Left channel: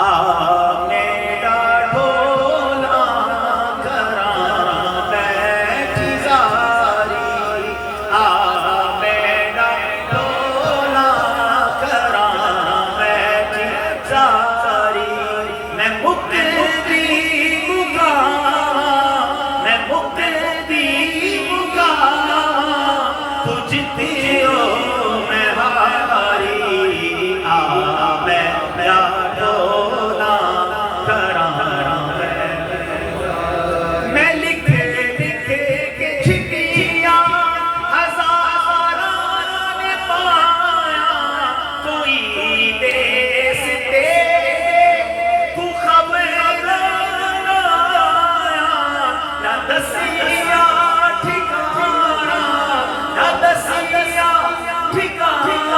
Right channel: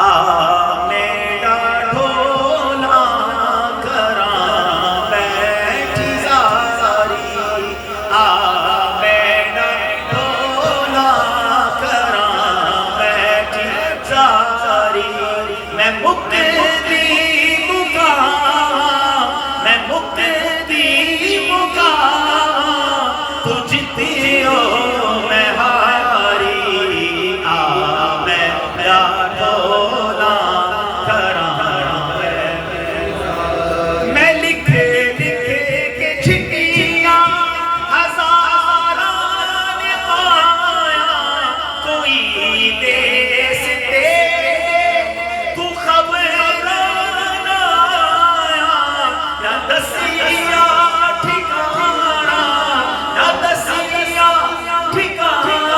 मेरा ढोला करा बैठी सारी, मेरा ढोला करा बैठी सारी। मैं मुक्ति मुकावा, मैं मुक्ति मुकावा, तू जीती हो मैं हारी। मेरा ढोला करा मैं लिखे लिखे के चिट्ठियां हजारों ने पाया, कोई देश तेरे तू खबर न आया। न दसिया ठिकाना, न दसिया ठिकाना,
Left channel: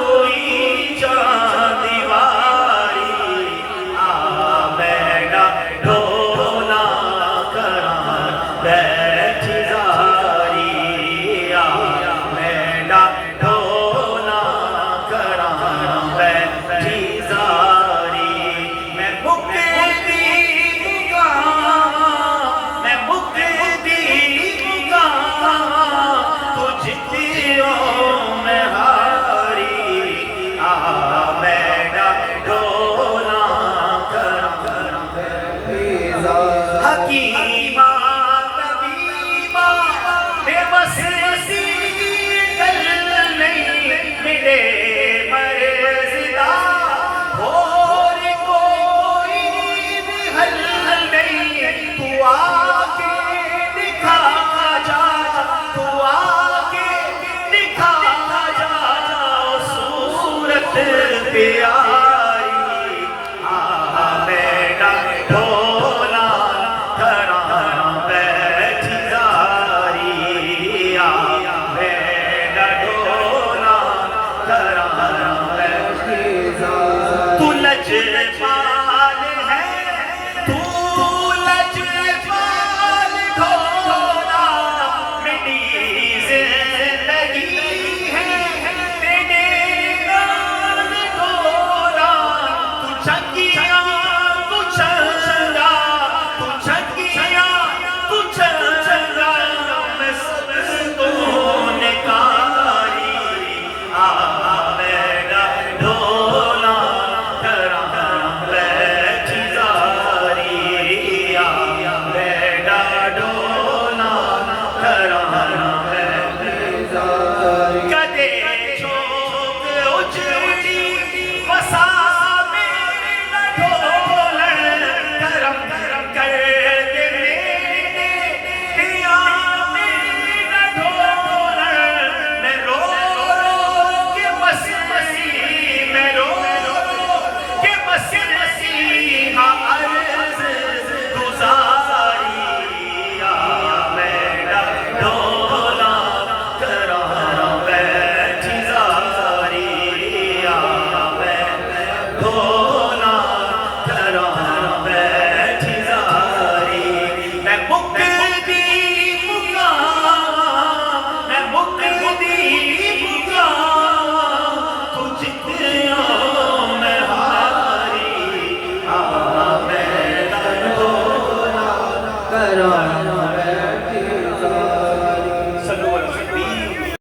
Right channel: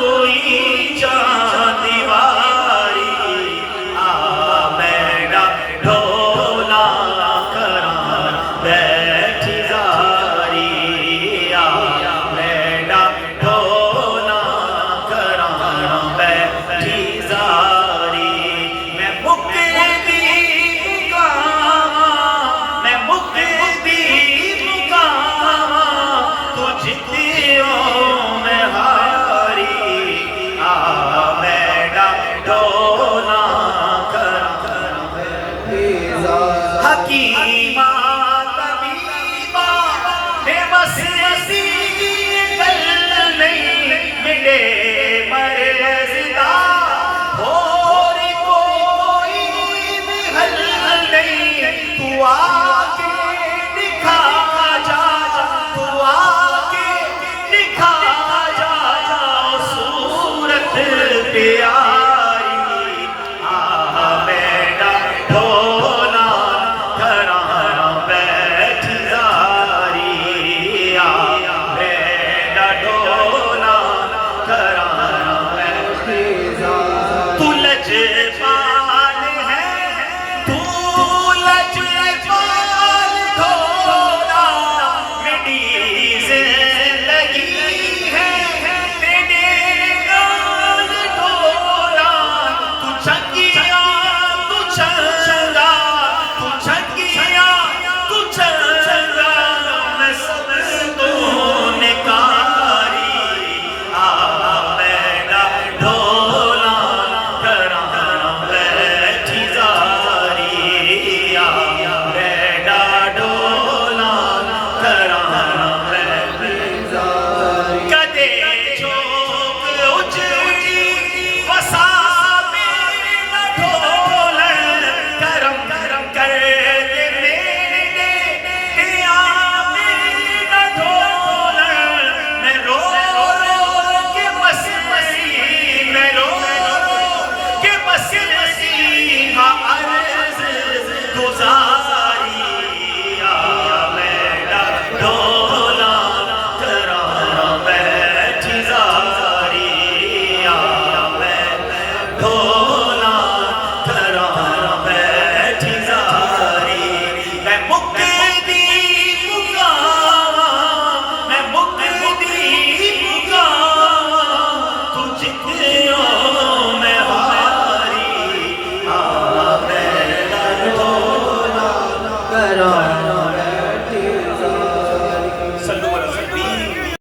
कोई दीवारी। मेरा ढोला करा बैठी सारी, मेरा ढोला करा बैठी सारी। मैं मुक्ति मुकावा, मैं मुक्ति मुकावा, तू जीती हो मैं हारी। मेरा ढोला करा हकीमा तबीबा बेबस सी कल नहीं मिले मर्ज़दा, और कोई भी हल नहीं। तू आके दिखा जा, तू आके दिखा जा सूरत प्यारी। मेरा ढोला करा बैठी सारी, मेरा ढोला करा बैठी सारी। तू लजपाल है, तू लजपाल ढोला, मेरी जिंदगी है तेरे नाल ढोला। तू चंगी